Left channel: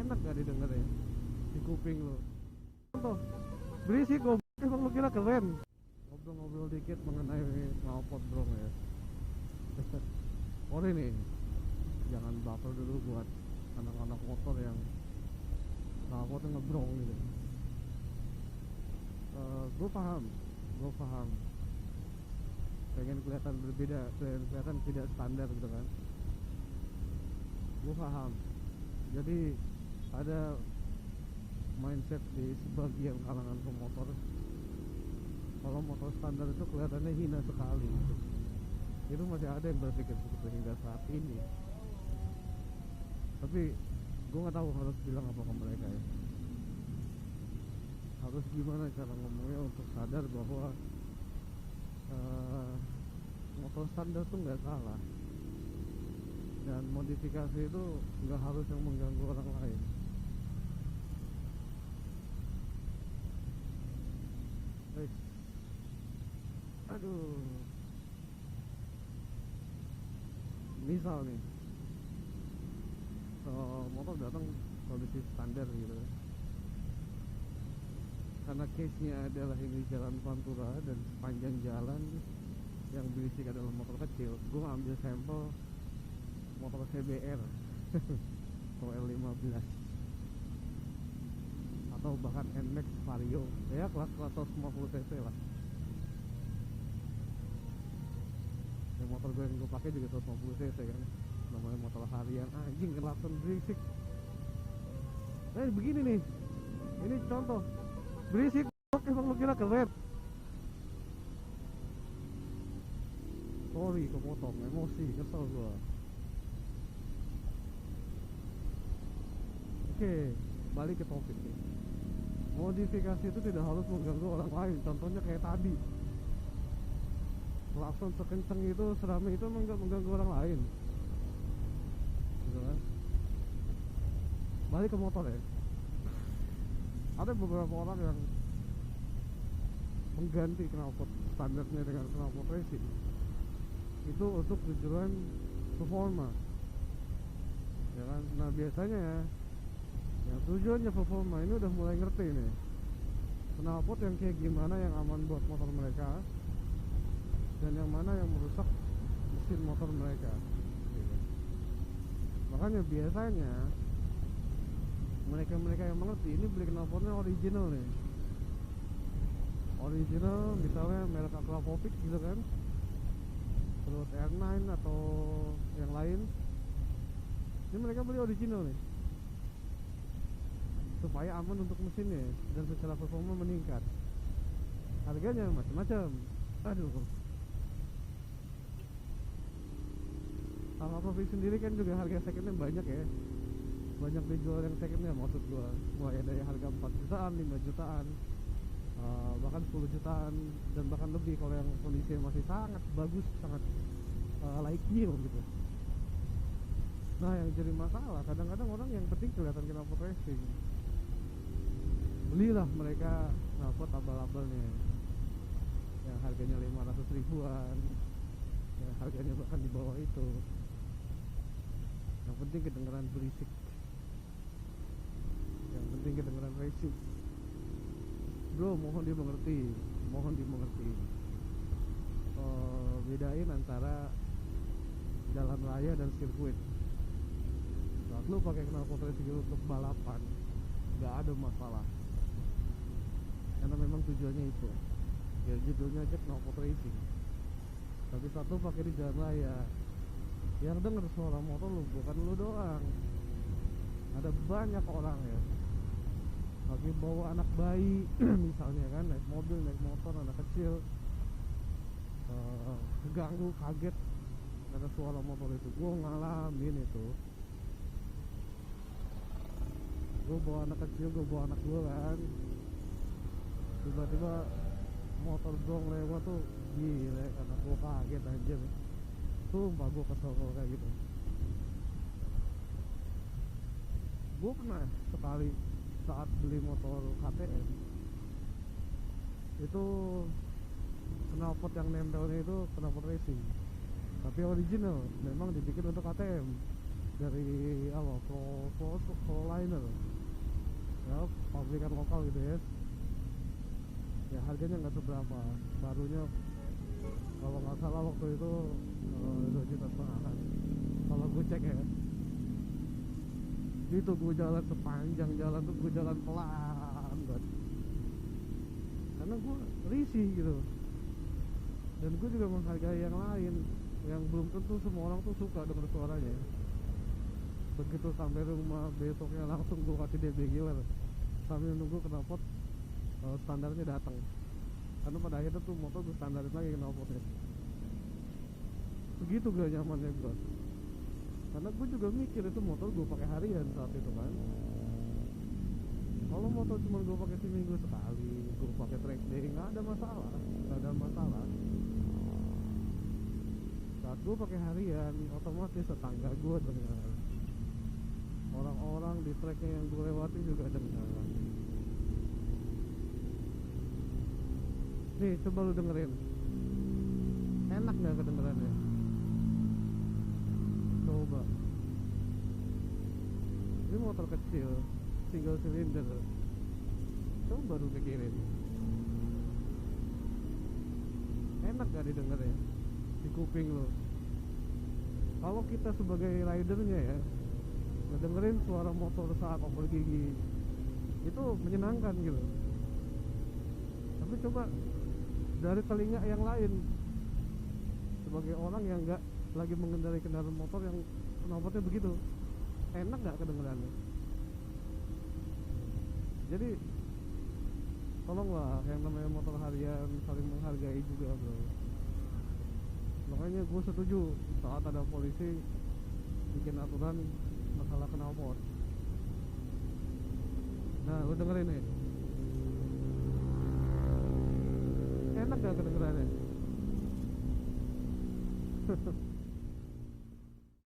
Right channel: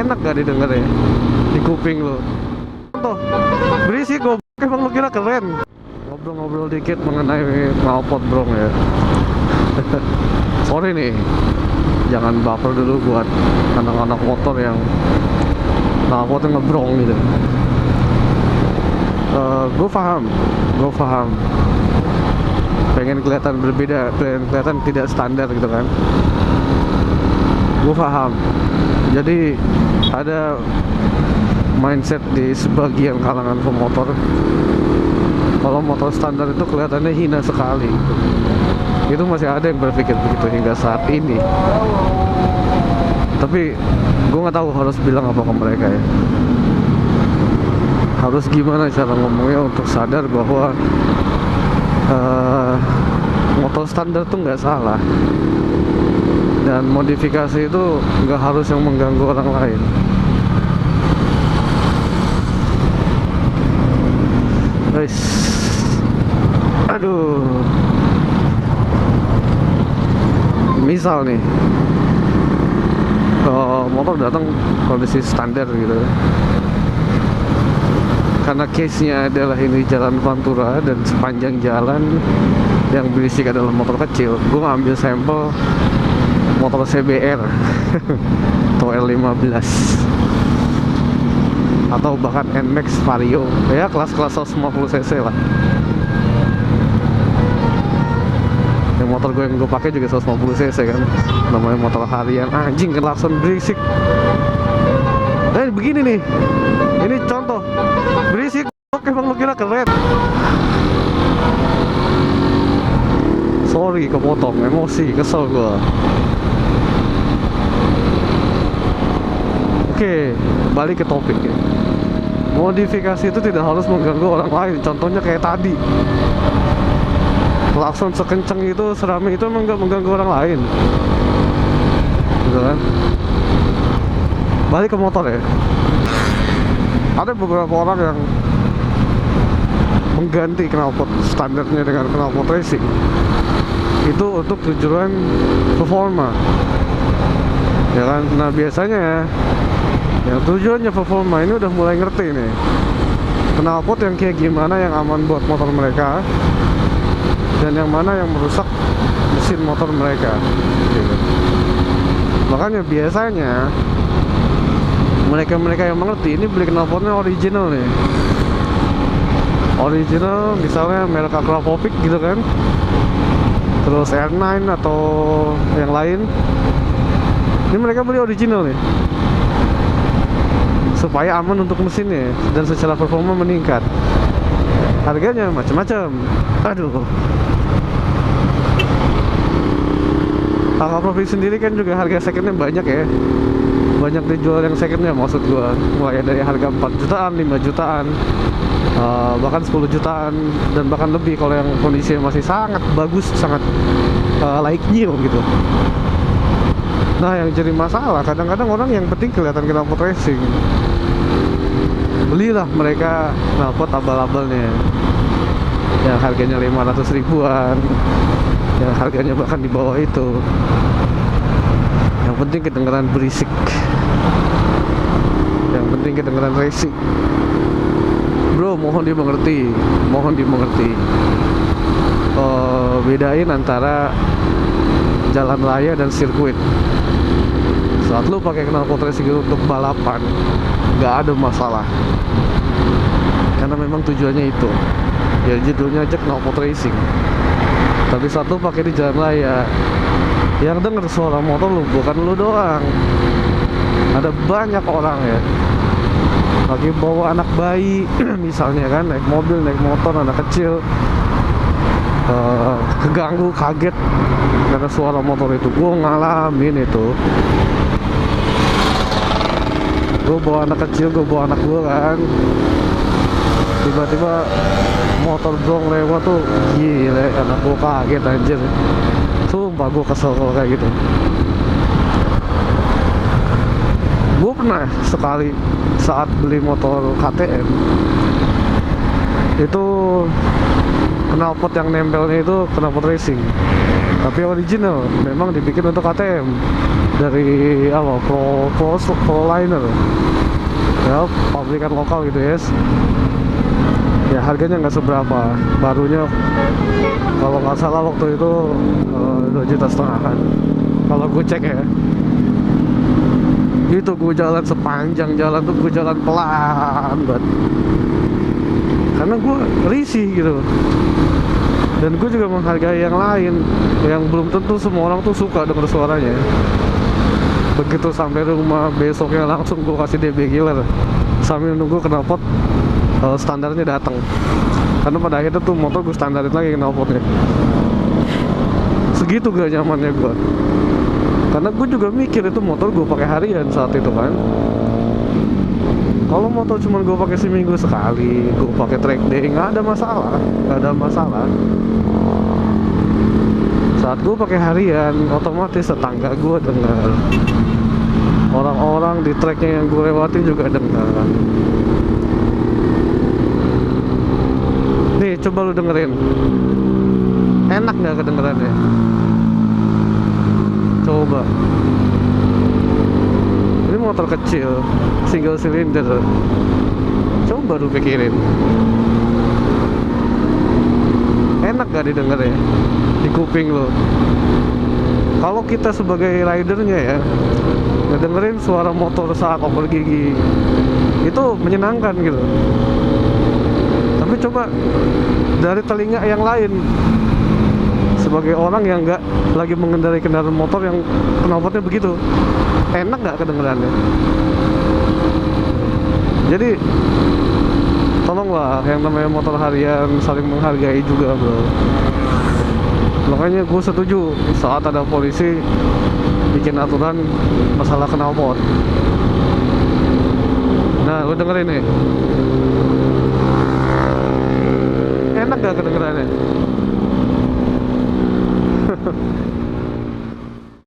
enak gak didengar ya di kuping lo. Tuh berisik goblok, emang lu kira keren. Ngobrol-ngobrol dikit mengenai knalpot bro ya. Sorry nih, jangan baper dulu buat anak-anak motor yang knalpotnya ngebrong gitu. Gue paham pengen kelihatan berbeda, pengen kelihatan tidak standar gitu kan. Gue paham. Jadi ada mindset di sebagian kalangan pemotor, kalau motor standar itu kelihatannya hina sekali gitu. Itu masih ada yang berpikir begitu hingga saat ini. Tapi gue nggak tahu harus bilang apa ke mereka ya. Harus gimana cara ngomongnya untuk sadar bahwa motor standar tuh nggak salah, dan modifikasi itu nggak harus yang mengganggu orang lain. Guys, aduh, misal nih motor datang kondisi standar gitu, karena case-nya adalah ini jalan Pantura dan sepanjang jalan yang berisik adalah motor kecil. Gue ngambil sampel motor CBR atau L15 atau bahkan NMAX Vario, ya kelas-kelas 150 cc lah. Yang motor gue yang gue pakai juga 150 cc kan, namanya motor harian. Anjing klakson berisik. Begini nih, ini contoh berisik. Oke, emang lu kira keren. Sorry kepotong, emosi, kesel gue. Oke, balik ke topik ya. Modifikasi itu tidak harus mengganggu orang lain. Contohnya kayak tadi, klakson sekenceng itu, serame itu emang gak mengganggu orang lain, gitu kan. Balik ke motor ya. Ada beberapa orang yang mengganti knalpot standarnya dengan knalpot racing itu untuk tujuan performa, ya kan. Nah biasanya yang tujuannya performa ini udah mulai ngerti nih knalpot yang kayak gimana yang aman buat motor mereka dan yang mana yang merusak mesin motor mereka gitu. Makanya biasanya mereka yang mengerti ini beli knalpotnya original nih, original, misalnya merek Akrapovic gitu kan, terus R9 atau yang lain. Ini mereka beli original nih supaya aman untuk mesinnya dan secara performa meningkat. Harganya macam-macam. Aduh, Akrapovic sendiri kan juga harga secondnya banyak ya, banyak dijual yang secondnya, maksud gua mulai dari harga 4 jutaan, 5 jutaan, bahkan 10 jutaan, dan bahkan lebih kalau yang kondisinya masih sangat bagus, sangat like new gitu. Nah yang jadi masalah kadang-kadang orang yang penting kelihatan knalpot racing, belilah mereka knalpot abal-abalnya yang harganya 500 ribuan, yang harganya bahkan di bawah itu. Yang penting kedengeran berisik, yang penting kedengeran racing. Bro, mohon dimengerti. Bedain antara jalan raya dan sirkuit. Saat lu pakai knalpot racing untuk balapan, nggak ada masalah, karena memang tujuannya itu. Ya judulnya aja knalpot racing. Tapi saat lu pakai di jalan raya, yang denger suara motor lu bukan lu doang, ada banyak orang ya, lagi bawa anak bayi misalnya kan, naik mobil, naik motor, anak kecil keganggu, kaget karena suara motor itu. Gue ngalamin itu, gue bawa anak kecil, gue bawa anak gue kan, tiba-tiba motor brong lewat tuh, gila, anak gue kaget anjir. Sumpah gue kesel kalau kayak gitu. Gue pernah sekali saat beli motor KTM itu, knalpot yang nempelnya itu knalpot racing, tapi original, memang dibikin untuk KTM. dari apa Proliner ya, pabrikan lokal gitu ya. Ya harganya nggak seberapa, barunya kalau nggak salah waktu itu 2,5 juta kan kalau gue cek ya. Itu gue jalan sepanjang jalan tuh gue jalan pelan banget karena gue risih gitu. Dan gue juga menghargai yang lain yang belum tentu semua orang tuh suka denger suaranya. Begitu sampai rumah besoknya langsung gue kasih DB killer sambil nunggu knalpot standarnya datang. Karena pada akhirnya tuh motor gue standarin lagi knalpotnya. Segitu gak nyamannya gue. Karena gue juga mikir itu motor gue pakai harian saat itu kan. Kalau motor cuma gue pakai seminggu sekali, gue pakai track day, nggak ada masalah, nggak ada masalah. Saat gue pakai harian, otomatis tetangga gue dengar, orang-orang di tracknya yang gue lewatin juga dengar. Nih, coba lu dengerin, enak nggak kedengerannya? Coba. Ini motor kecil, single cylinder. Coba lu pikirin, enak gak didengarnya di kuping lo? Kalau kita sebagai ridernya ya, ngedengerin suara motor saat oper gigi itu menyenangkan gitu. Tapi coba dari telinga yang lain, sebagai orang yang nggak lagi mengendarai kendaraan motor yang knalpotnya begitu, enak nggak kedengerannya? Jadi tolonglah yang namanya motor harian saling menghargai juga bro. Makanya gue setuju saat ada polisi bikin aturan masalah knalpot. Nah lu dengerin nih, enak gak kedengerannya?